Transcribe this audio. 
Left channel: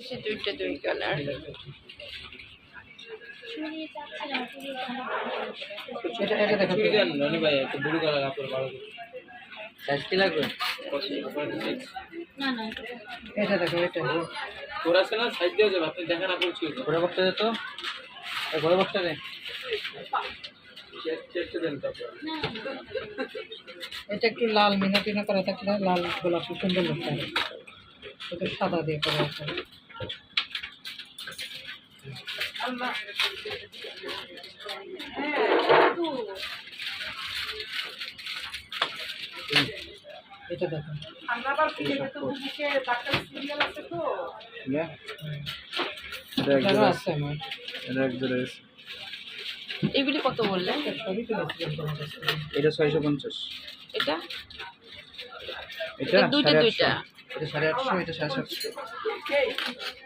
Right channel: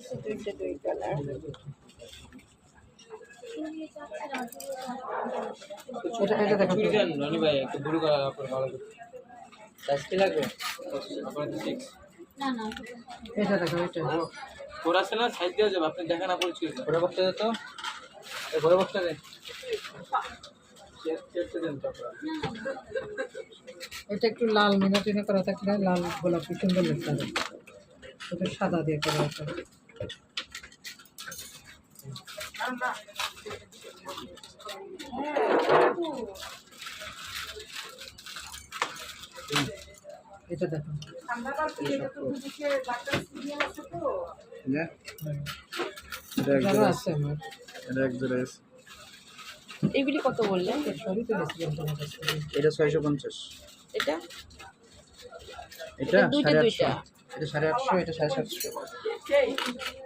সে দুইটা দুই কালার। এটা এটা দেখো চুড়ি দেন রনি ভাই একটু ব্লু কালার আপনার ভালো সাইজ কি লাগবে? না না এটা দেখো এটা ওর আছে না সাইজ দেওয়া যাবে আপনি দেখা না করছি ঘোড়া বক্সটা দে তো, ঘোড়া বক্সটা দে। চেকটা দেন তারপর এটা একটু লাল মিনাটিনা করা থাকলে লাল গোলাপি সুন্দর লাগতে হবে, এটা সাদা দিয়ে করা আছে। এটা দেখো আছে আমার, এগুলি কত বললেন? সবই তো নিয়েছিলাম তোমার কাছ থেকে। এটা 650, এটা এটা দুইটা 850, দুইটা এটা 850, এটা 750।